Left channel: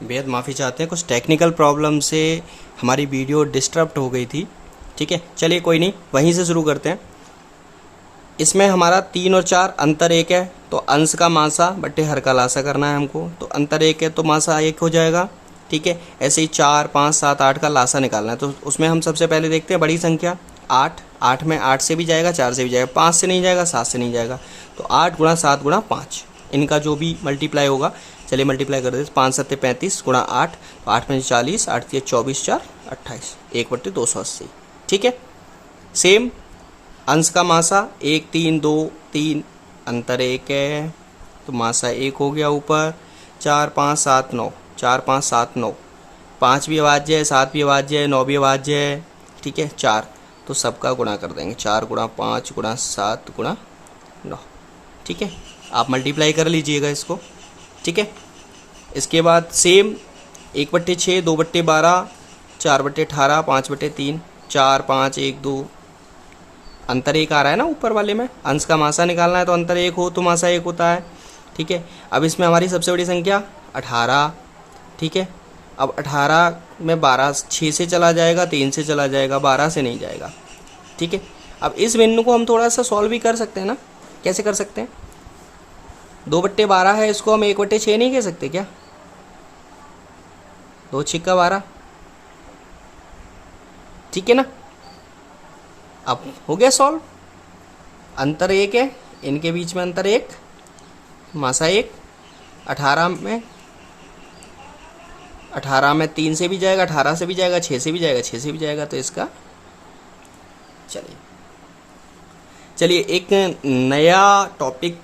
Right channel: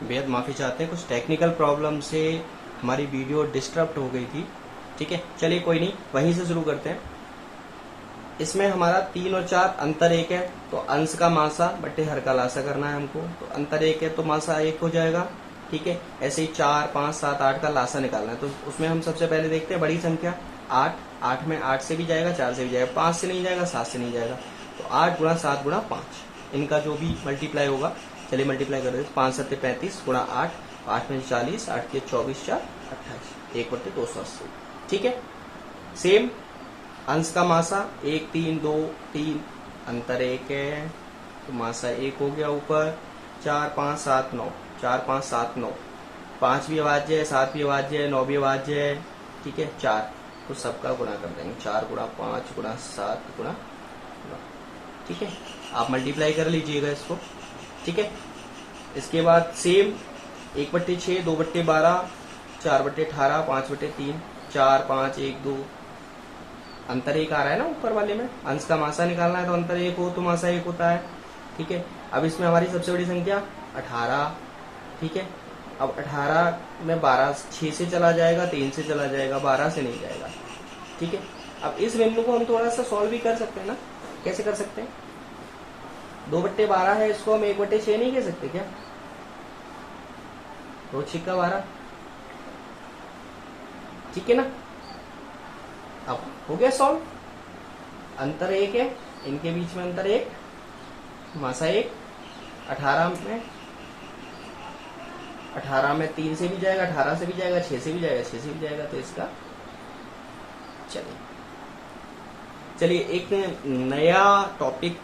बेहद माफ़ी चाहते हैं, कुछ टेक्निकल प्रॉब्लम से हमारी वीडियो डिस्टर्ब हो गई थी। ठीक है, चलिए कोई नहीं, वहीं से शुरू करते हैं। इसमें हमारा 3 और 4 अंतर 1 है, तो अंश का मासा बट्टे हर का लासा करना है हमको। तो अंतर 1 है तो मासा 1 हो जाएगा। ठीक है, ऐसे ही 4, 5, 7, 8 का लासा निकालना है। तो उसमें हम सबसे पहले देखते हैं बड़ी संख्या 8। 8 में 8 से भी जाएगा, 4 से भी जाएगा, 5 से नहीं जाएगा, 7 से नहीं जाएगा। तो 8 गुणा 7 गुणा 5, इनका जो भी मल्टीप्लाई होगा, चलिए मल्टीप्लाई कर देते। 5 7 35 गुणा 8, 8 में 40, 8 के 24, 4 28, 1/280। ठीक है, सेम अंश का मासा 1 3 2 3 अंतर 1 है, तो मासा 1 हो गया ऊपर। 4 5 7 9, 4 5 7 9, 5 भी अभाज्य है, 7 भी अभाज्य है, 9 भी अभाज्य है। ठीक है, 4, तो सबका गुणा कर देंगे। 4 गुणा 5 गुणा 7 गुणा 9। ठीक है, आप मल्टीप्लाई कर लीजिएगा इसको। ठीक है, इसके बाद सेम 1/6, 2/12, 4/18, 5/3, 4 5 1 2, अंतर 1 आ रहा है ना ऊपर वाले में। अंश का मासा निकालना है तो अंतर 1 हो तो मासा 1 होता है। ठीक है, अब इसमें हमारी सबसे बड़ी संख्या 18। ठीक है, अब 18 में 12 6 से चला जाएगा, 3 से चला जाएगा, 12 से नहीं जाएगा। ठीक है, अब इस बिंदु को हम थोड़ा सा सॉल्व भी कर सकते हैं ना। कैसे कर सकते हैं? 2/12 है, इसको हम 1/6 नहीं कह सकते क्या? 2 छिक्का 12। ठीक है ना, अब हो गया सॉल्व। अंतर 1 है, इनके बीच में अंतर 1, मासा 1। 18 में 3 से भी जाएगा, 18 से भी जाएगा, 6 से भी जाएगा, 6 से भी जाएगा, तो इसका चलिए एक नया टॉपिक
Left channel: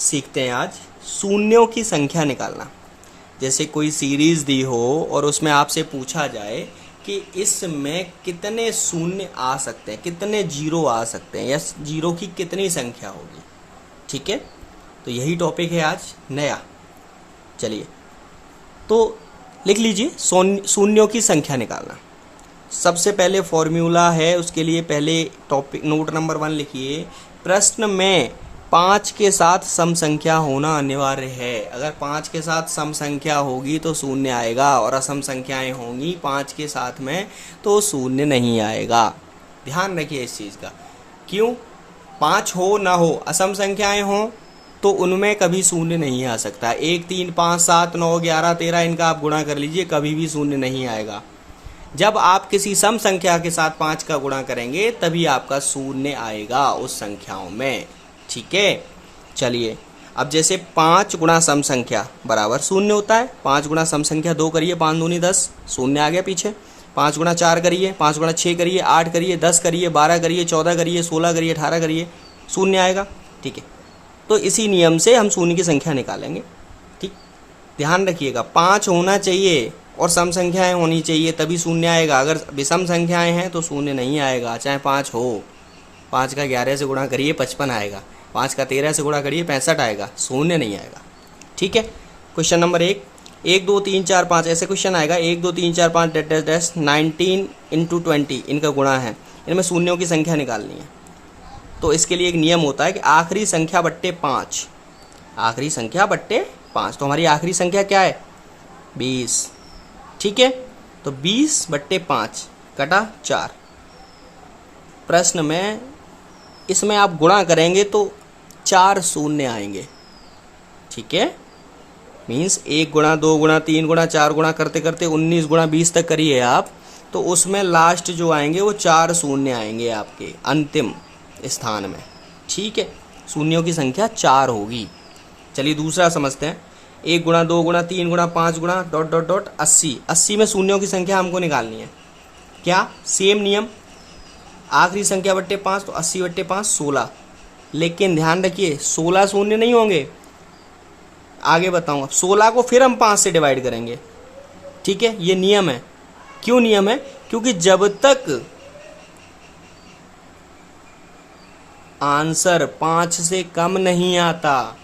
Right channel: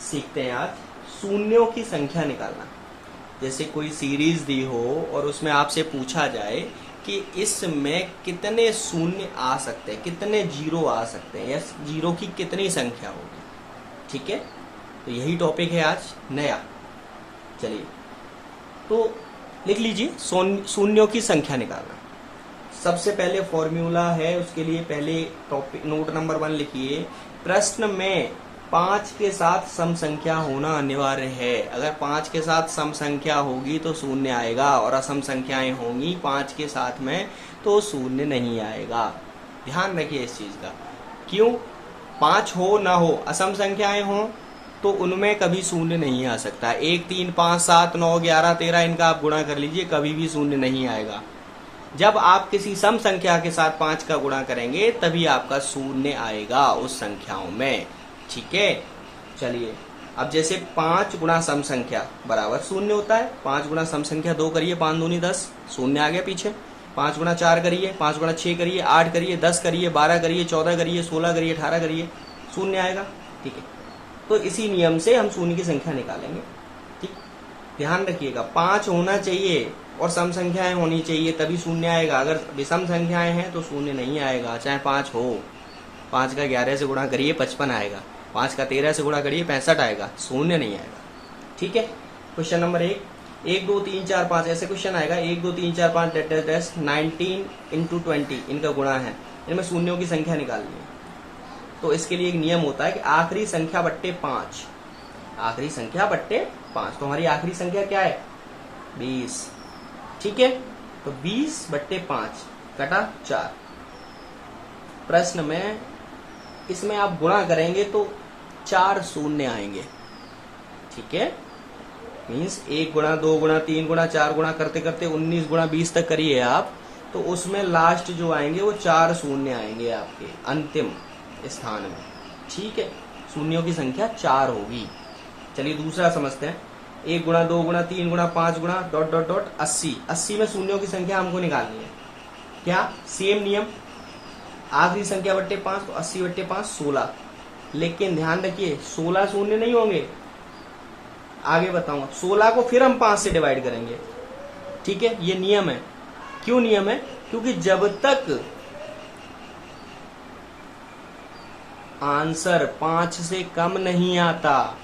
सीखते हैं आज, शून्यों की संख्या निकालना। जैसे कोई सीरीज दी हो और उसमें आपसे पूछा जाए कि इसमें कितने शून्य आ सकते हैं, कितने जीरो आ सकते हैं, या जीरो की कितनी संख्या होगी। ठीक है, तो यही टॉपिक है आज नया। चलिए तो लिख लीजिए, शून्यों की संख्या निकालना। सबसे पहले फॉर्मूला है, उसके लिए पहले टॉपिक नोट नंबर 1 लिखिए। प्रश्न में 5 के साथ सम संख्या होना अनिवार्य है। अगर 5 के साथ सम संख्या होगी तो शून्य आएगा, और असम संख्याएं होंगी 5 के साथ में तो शून्य नहीं आएगा। ध्यान रखिए इस चीज़ का। क्यों? 5 हो ना हो, असम संख्याएं हों तो उनमें कभी शून्य नहीं आ सकता। 1 3 5 7 9 11 13 इनका आप गुणा कर लीजिए, कभी भी शून्य नहीं आएगा। जब आप किसी सम संख्या के साथ 5 का गुणा करेंगे तभी आपका शून्य आएगा उस संख्याओं में। ठीक है, चलिए अब जैसे 5 गुणा सम संख्या बराबर शून्य होता है। 5 गुणा सम संख्या 2 करिए, 5 दूनी 10, शून्य आ गया पीछे। 5 गुणा 4 करिए, 5 गुणा 6 करिए, 8 करिए, 10 करिए, 12 करिए, 14 करिए, 16 करिए, 18 करिए, शून्य आएगा। ठीक है, तो इसी नियम से हम शून्य की संख्या निकालेंगे। ठीक, ध्यान रखिएगा, 5 होना चाहिए और सम संख्याएं होनी चाहिए तभी शून्य आएगा। अगर विषम संख्याएं हैं तो शून्य नहीं आएगा, चाहे 5 हो। 5 का 11 से गुणा करिए 55 आएगा, 5 का 13 से गुणा करिए 65 आएगा, शून्य नहीं आएगा। ठीक है, क्वेश्चन नंबर 1, 1 2 3 4 5 ऐसे क्वेश्चन आएगा। 1 2 3 4 5 डैश डैश 19 × 20 इनका गुणा है, इनमें शून्यों की संख्या निकालनी है। तो इसके लिए एक नियम होता है कि आखिरी संख्या बट्टे 5, आखिरी संख्या बट्टे 5। तो हमारी आखिरी संख्या क्या है? 20। ठीक है, तो 20/5 कटा 4। प्रश्न में इसमें आप गुणा करेंगे तो 4 शून्य आएंगे। ठीक है, मीन्स 1 गुणा 2 गुणा 3 गुणा 4 गुणा करते करते 19 गुणा 20 तक करिए आप, तो उसमें लास्ट जो आएंगे वो 4 शून्य आएंगे आपके अंतिम स्थान में। ठीक है, शून्यों की संख्या 4 होगी। चलिए दूसरा समझते हैं। 1 गुणा 2 गुणा 3 गुणा 5 गुणा ... 80। 80 में शून्यों की संख्या हमको निकालनी है। क्या? सेम नियम, आखिरी संख्या बट्टे 5, तो 80/5 16। लेकिन ध्यान रखिए 16 शून्य नहीं होंगे, आगे बताऊंगा। 16 को फिर हम 5 से डिवाइड करेंगे। ठीक है, ये नियम है। क्यों नियम है? क्योंकि जब तक आंसर 5 से कम नहीं आता,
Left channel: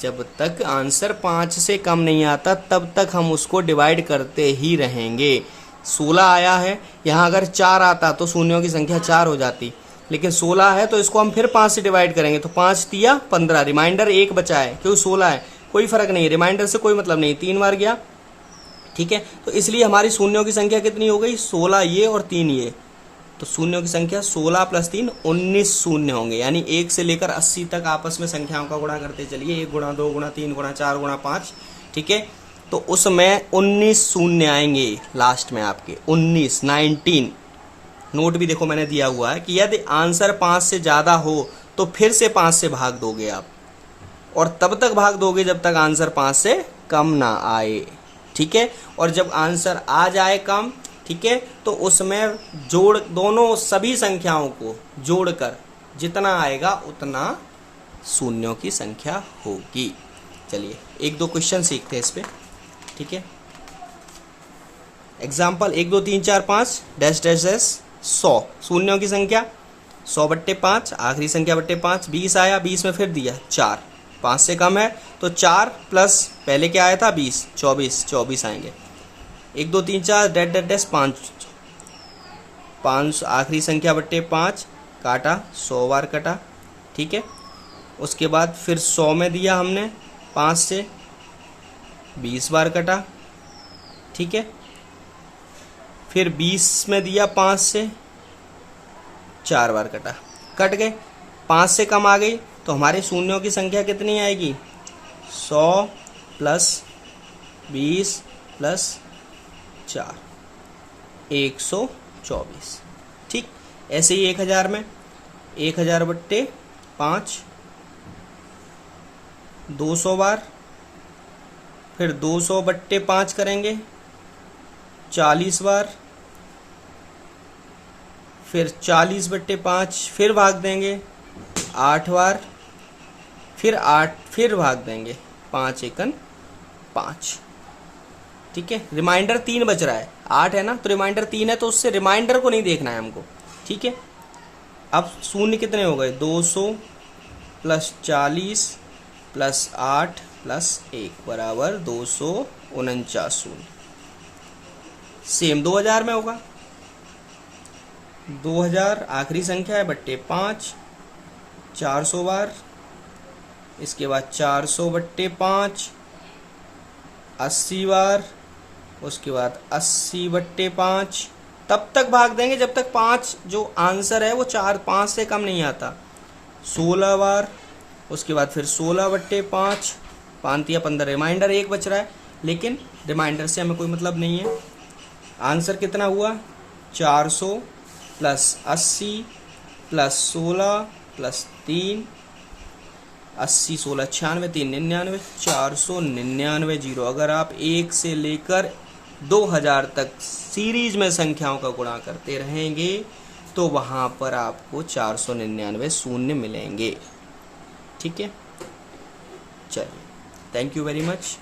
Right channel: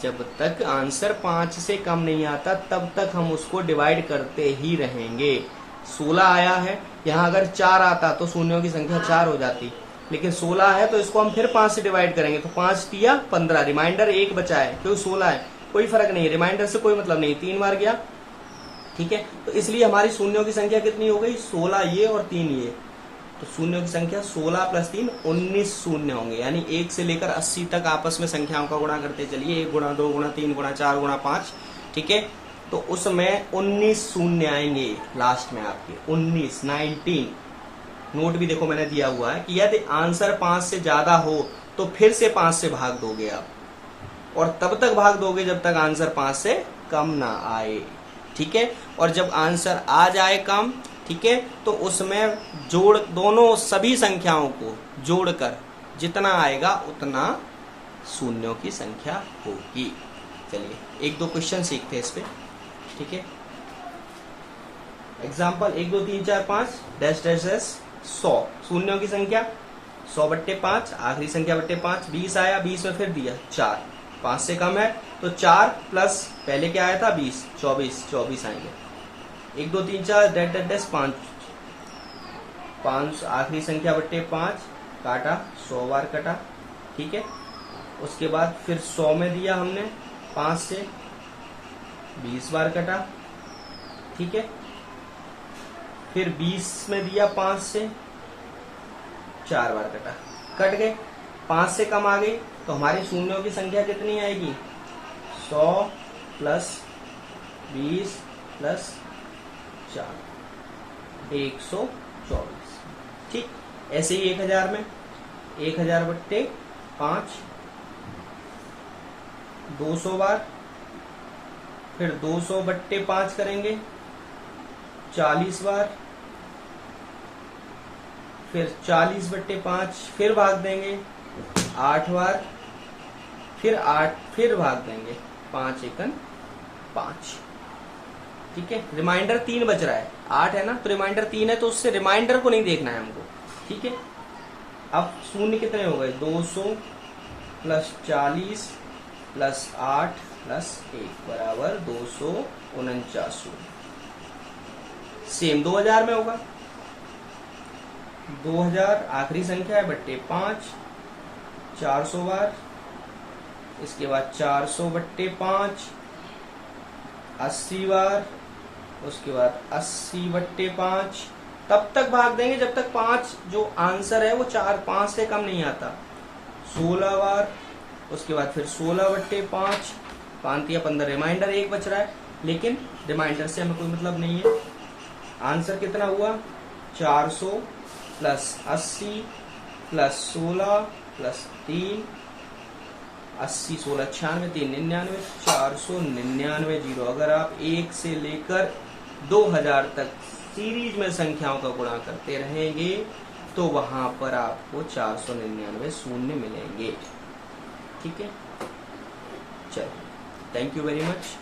जब तक आंसर 5 से कम नहीं आता तब तक हम उसको डिवाइड करते ही रहेंगे। 16 आया है, यहाँ अगर 4 आता तो शून्यों की संख्या 4 हो जाती, लेकिन 16 है तो इसको हम फिर 5 से डिवाइड करेंगे। तो 5 तिया 15, रिमाइंडर 1 बचा है क्योंकि 16 है, कोई फर्क नहीं है, रिमाइंडर से कोई मतलब नहीं। 3 बार गया ठीक है, तो इसलिए हमारी शून्यों की संख्या कितनी हो गई, 16 ये और 3 ये, तो शून्यों की संख्या 16 + 3 19 शून्य होंगे। यानी 1 से लेकर 80 तक आपस में संख्याओं का गुणा करते चलिए, 1 गुणा 2 गुणा 3 गुणा 4 गुणा 5, ठीक है, तो उसमें 19 शून्य आएंगे लास्ट में आपके, 19 नोट भी देखो मैंने दिया हुआ है कि यदि आंसर 5 से ज्यादा हो तो फिर से 5 से भाग दोगे आप, और तब तक भाग दोगे जब तक आंसर 5 से कम ना आए, ठीक है, और जब आंसर आ जाए कम, ठीक है, तो उसमें जोड़ दोनों सभी संख्याओं को जोड़कर जितना आएगा उतना शून्यों की संख्या होगी। चलिए 1-2 क्वेश्चन सीखते हैं इस पे, ठीक है। एग्जाम्पल 1 2 3 4 5 डैश डैश डैश 100 शून्यों की संख्या, 100/5 आखिरी संख्या बट्टे 5, 20 आया, 20 में फिर दिया 4, 5 से कम है तो 4 प्लस पहले क्या आया था 20, 24 आएंगे। 1 2 3 4 डैश डैश डैश 5 आखिरी संख्या बट्टे 5 काटा, 100 बार कटा, ठीक है। उसके बाद फिर 100 में दिया हमने 5 से 20 बार कटा, ठीक है। फिर 20 में दिया 5 से 4 बार कटा, कट गए, 5 से कम आ गई तो हमारे शून्यों की संख्या कितनी आएगी, 100 + 20 + 4 124, ठीक। ऐसे ही 1000 में 1000/5 200 बार, फिर 200/5 करेंगे 40 बार, फिर 40/5 फिर भाग देंगे 8 बार, फिर 8 फिर भाग देंगे 5 एकन 5, ठीक है। रिमाइंडर 3 बच रहा है, 8 है ना तो रिमाइंडर 3 है, तो उससे रिमाइंडर को नहीं देखना है हमको, ठीक है। अब शून्य कितने हो गए, 200 + 40 + 8 + 1 बराबर 249। सेम 2000 में होगा, 2000 आखिरी संख्या है बट्टे 5, 400 बार, इसके बाद 400/5 80 बार, उसके बाद 80/5, तब तक भाग देंगे जब तक 5 जो आंसर है वो 5 से कम नहीं आता, 16 बार, उसके बाद फिर 16/5, 5×15 रिमाइंडर 1 बच रहा है, लेकिन रिमाइंडर से हमें कोई मतलब नहीं है। आंसर कितना हुआ, 400 + 80 + 16 + 3 80 16 96 3 99 499 जीरो। अगर आप 1 से लेकर 2000 तक सीरीज में संख्याओं का गुणा करते रहेंगे तो वहां पर आपको 499 शून्य मिलेंगे, ठीक है। चलिए, thank you very much.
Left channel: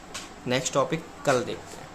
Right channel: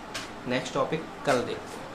Next topic कल देखते हैं।